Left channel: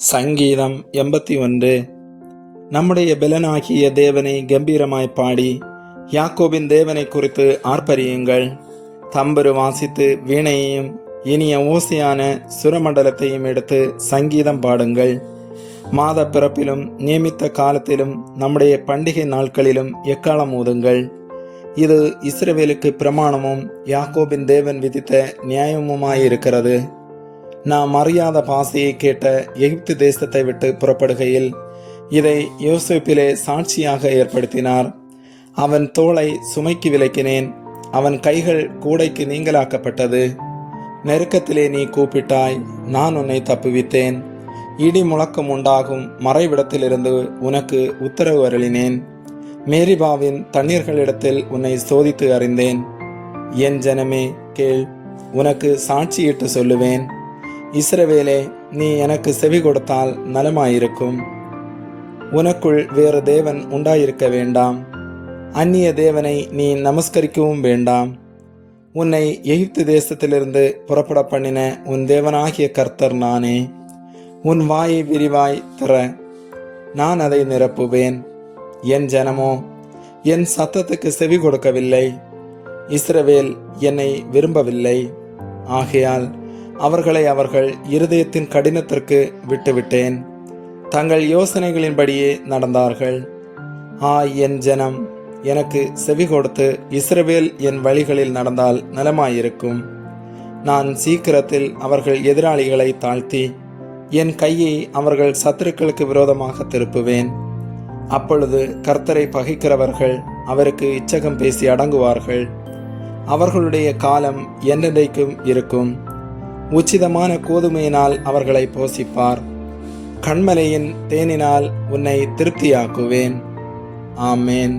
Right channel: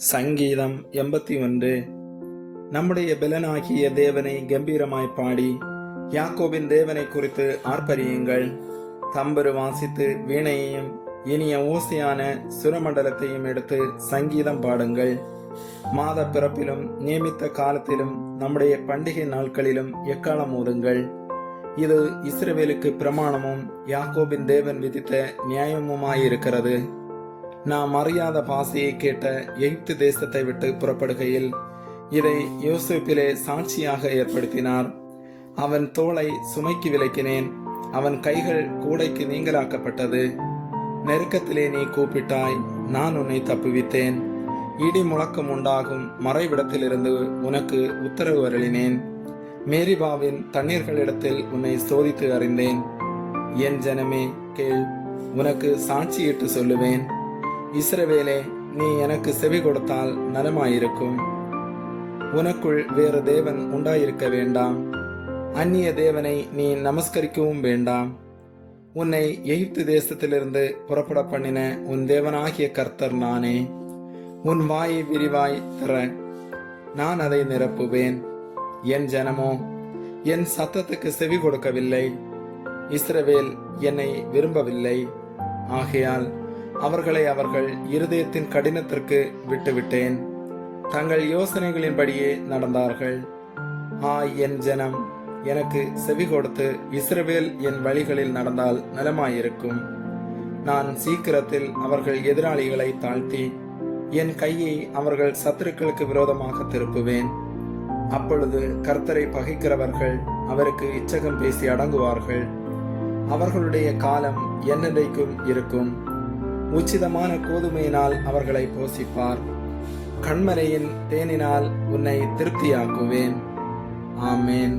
சங்கீதம் 81. நம்முடைய பெலனாகிய தேவனை கம்பீரமாய் பாடி யாக்கோபின் தேவனை குறித்து ஆர்ப்பரியுங்கள். தம்புரு வாசித்து வீணையையும் இனிய ஓசையான சுரமண்டலத்தையும் எடுத்து சங்கீதம் பாடுங்கள். மாத பிறப்பிலும் நியமித்த காலத்திலும் நம்முடைய பண்டிகை நாட்களிலும் எக்காலம் ஊதுங்கள். இது இஸ்ரவேலுக்கு பிரமாணமும் யாக்கோபின் தேவன் விதித்த நியாயமுமாயிருக்கிறது. நாம் அறியாத பாசையை கேட்ட எகிப்து தேசத்தை விட்டு புறப்படுகையில் இதை யோசேப்பிலே சாட்சியாக ஏற்படுத்தினார். அவன் தோளை சுமைக்கு விலக்கினேன், அவன் கைகள் கூடைக்கு நீங்களாக்கப்பட்டது. நெருக்கத்திலே நீ கூப்பிட்டாய், நான் உன்னை தப்புவித்தேன். இடி முழக்கம் உண்டாகும் மறைவிடத்திலிருந்து உனக்கு உத்தரவு அருளினேன். மேரிபாவின் தண்ணீர்களிடத்தில் உன்னை சோதித்து அறிந்தேன். என் ஜனமே கேள், உனக்கு சாட்சியிட்டு சொல்லுவேன். இஸ்ரவேலே, நீ எனக்கு செவி கொடுத்தால் நலமாயிருக்கும். உனக்குள் வேறு தேவன் உண்டாயிருக்க வேண்டாம். அந்நிய தேவனை நீ நமஸ்கரிக்கவும் வேண்டாம். உன்னை எகிப்து தேசத்திலிருந்து புறப்பட பண்ணின உன் தேவனாகிய கர்த்தர் நானே. உன் வாயை விரிவாய் திற, நான் அதை நிரப்புவேன். என் ஜனமோ என் சத்தத்துக்கு செவி கொடுக்கவில்லை. இஸ்ரவேல் என்னை விரும்பவில்லை. ஆகையால் அவர்களை அவர்கள் இருதயத்தின் கடினத்திற்கு விட்டுவிட்டேன். தங்கள் யோசனைகளின்படியே நடந்தார்கள். என் ஜனம் எனக்கு செவி கொடுத்து இஸ்ரவேல் என் வழிகளில் நடந்தால் நலமாயிருக்கும். நான் சீக்கிரத்தில் அவர்கள் எதிராளிகளை தாழ்த்தி என் கையை அவர்கள் சத்துருக்களுக்கு விரோதமாக திருப்புவேன். அப்பொழுது கர்த்தரை பகைக்கிறவர்கள் அவருக்கு இச்சகம் பேசி அடங்குவார்கள். அவர்களுடைய காலம் என்னென்றைக்கும் இருக்கும். உச்சிதமான கோதுமையினால் அவர்களை போஷிப்பார். கண்மலையின் தேனினால் உன்னை திருப்தியாக்குவேன். ஆமேன்.